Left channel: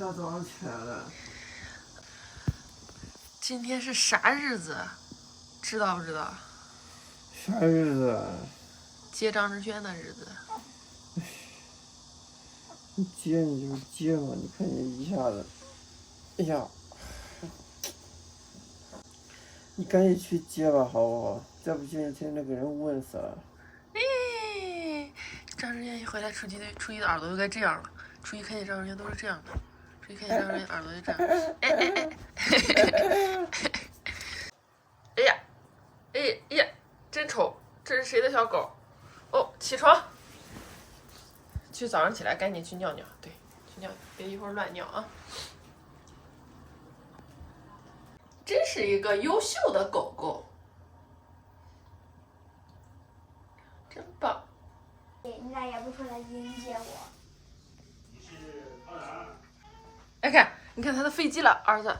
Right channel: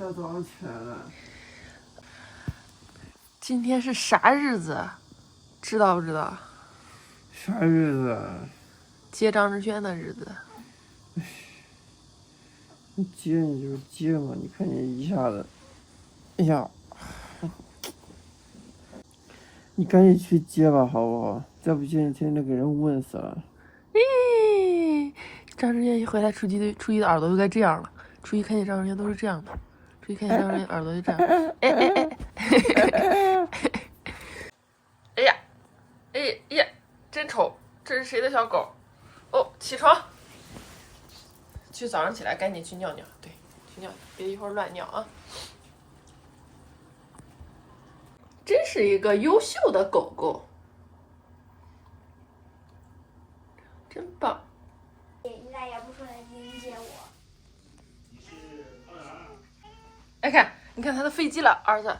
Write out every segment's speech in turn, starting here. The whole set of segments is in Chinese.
大早上起来了。今天是啥日子？知道不知道？啥日子啊？接张志轩的日子。你接你就接嘛，你看你一下子，哎呀，你赶紧去接吧，好不好？再不接，你天天给人问死了。咦，张志轩一回来，初一的耳朵就该这样了。初一看见张志轩都是这样的，初一看见张志轩耳朵就这样。哎呀，哎呀，真丑！这是谁的小狗？哦，起床，去早上起来赶紧去尿尿，对，去尿尿，别一会儿乱尿啊！真是一个优秀的狗狗，真棒！应该也不出来迎接我。哎看，你看他的飞机了，儿子，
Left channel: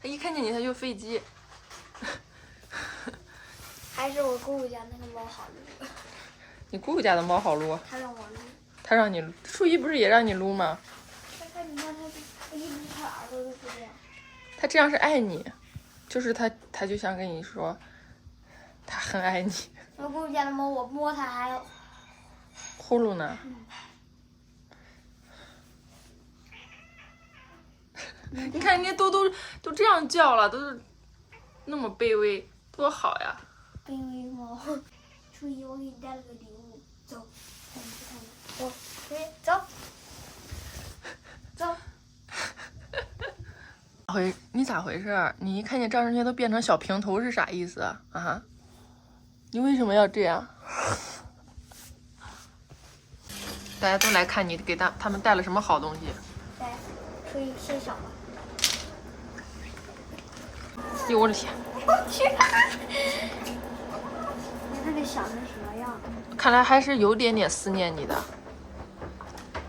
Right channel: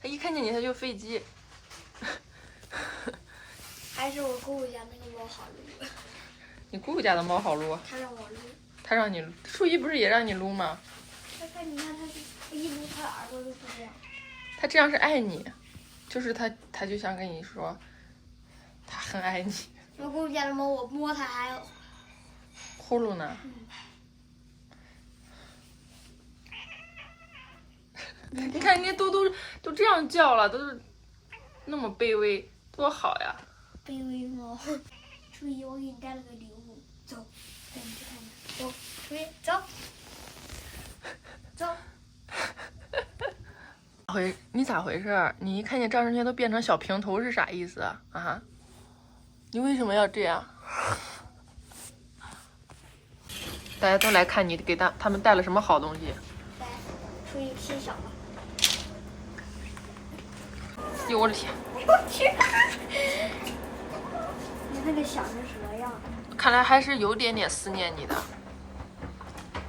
他一看见你他就飞机。还是我姑姑家那个猫好撸。你姑姑家的猫好撸？它让我撸。他让你撸，初一不是也让你撸吗？但是你看它一撸，它耳朵都是这样。他这样是爱你，就是他就想跟你说，他很爱你。我姑姑家的猫，我摸它还有呼噜呢。你看人家都这样叫了，都是那么卑微，多好呀！卑微猫。初一我给你带了个礼物，走，带你去看看。走，初一走。走。你咋回事？你一看见张志轩都变成小平头是啥意思啊？啊？你为什么要这样？大家都来看你给他们带了什么好东西。来，初一揭晓吧。哟，我的天！我去！你那个想成什么样的？看来还是有点思念你的。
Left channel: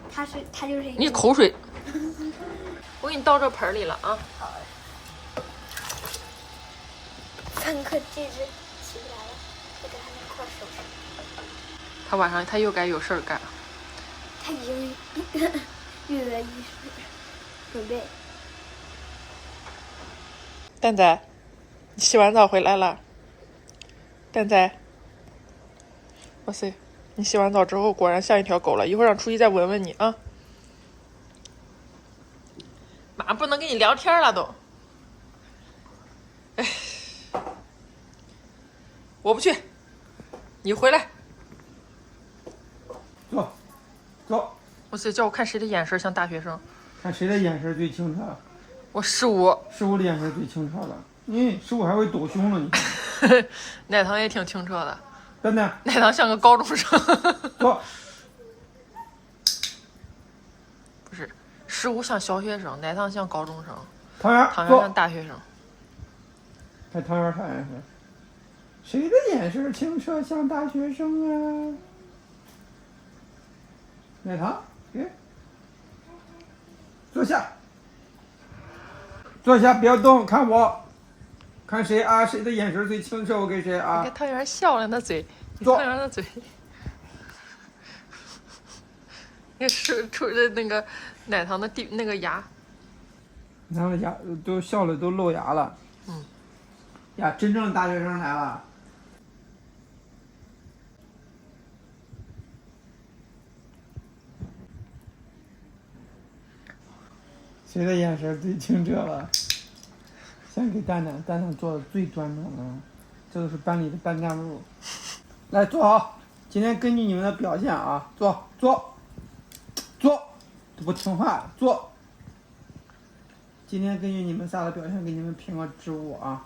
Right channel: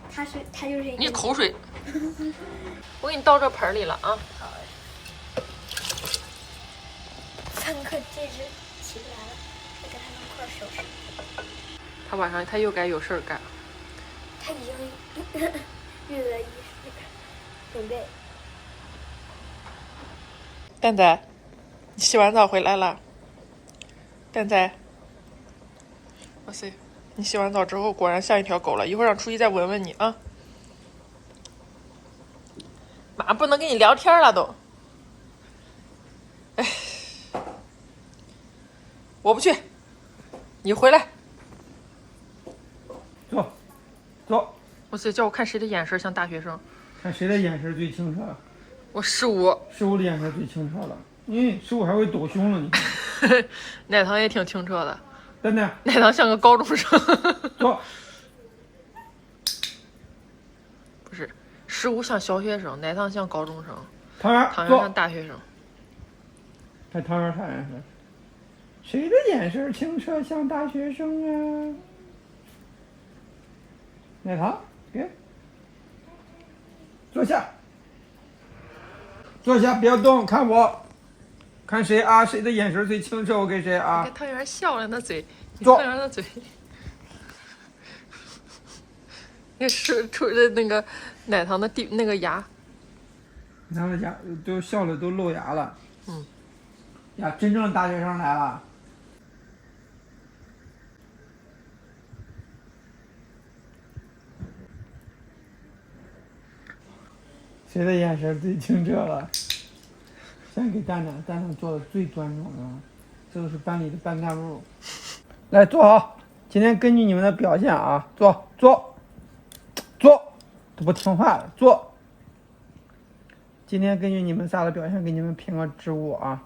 它就是一个。你口水。我给你倒这盆里了啊。三颗戒指起不来了，这个还能块收拾。他晚上他又该有事儿干。他已经跃跃欲试，准备。蛋仔，你洗完澡回来了。蛋仔，哇塞，你洗完澡之后果然像一条狗了。一会儿让初一再闻闻你啊。马上不能跟你聊天了都。哎，我不去，你回来。走，走。哇塞，叫我看谁的眼神像大学生。看谁的眼神最清澈。我15。15的眼神最清澈了。15还会抖胸了，你看。奶糖也挺清澈的。蛋蛋。奶糖像个高中生。走。不是，15像小学生，奶糖像高中生，汤圆像大学生。看汤圆啥眼神？谁的眼神清澈像大学生啊？奶糖，给。坐下。坐下，不要动，看我。看谁啊？谁的眼神最清澈，我给谁啊？你看汤圆笑了，那嘴，坐。汤圆的嘴。那是出的那个奶糖的那个牙，奶糖的牙都笑了，都露牙了。呀，真正的大学生来了。谁的眼神最清澈了？先给蛋蛋做的最端庄的，这都是班里的班干部。来，坐好。今天根据你们的表现啊，坐，都不听话了，坐。今天根据你们仨的表现，给你们评个职务啊。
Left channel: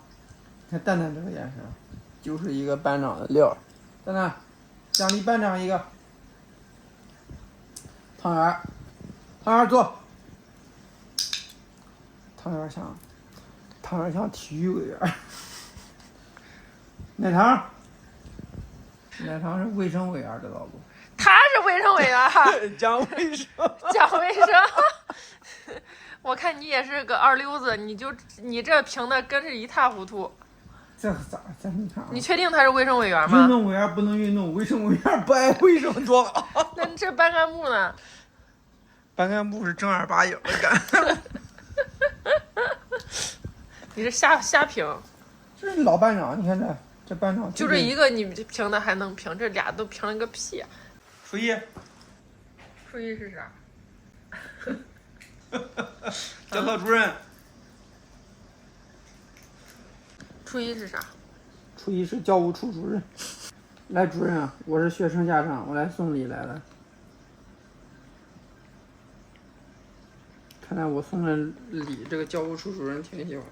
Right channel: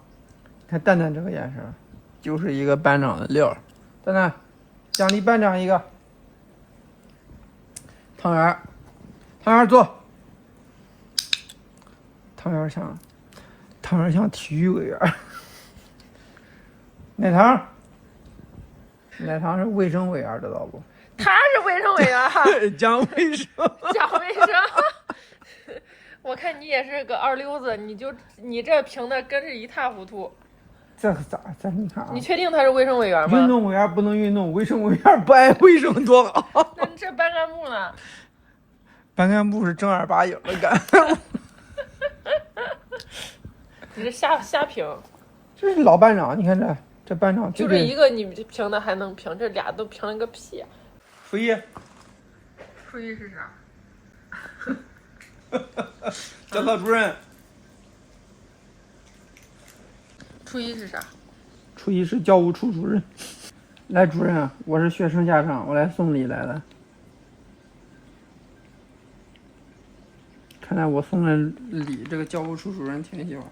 看蛋蛋这个眼神，就是一个班长的料。蛋蛋，奖励班长一个。汤圆坐。汤圆像体育委员。奶糖是卫生委员，知道不？他是卫生委员哈。讲卫生。讲卫生。我看你也是个二流子，你这评的跟是一塌糊涂。这你看啊？你确定他是卫生委员吗？运动委员不能运动，卫生委员不爱卫生多好。那这班干部呢？班干部是正儿八经的干。你是瞎评，这是老班长，你看这班长就这一个你评的还能评，这俩都评了个屁。初一，初一是啥？教导主任。初一是啥？初一是教务处主任。来，主任，我是学生家长，我来送礼来了。看来我送的礼，这个教务处主任挺喜欢。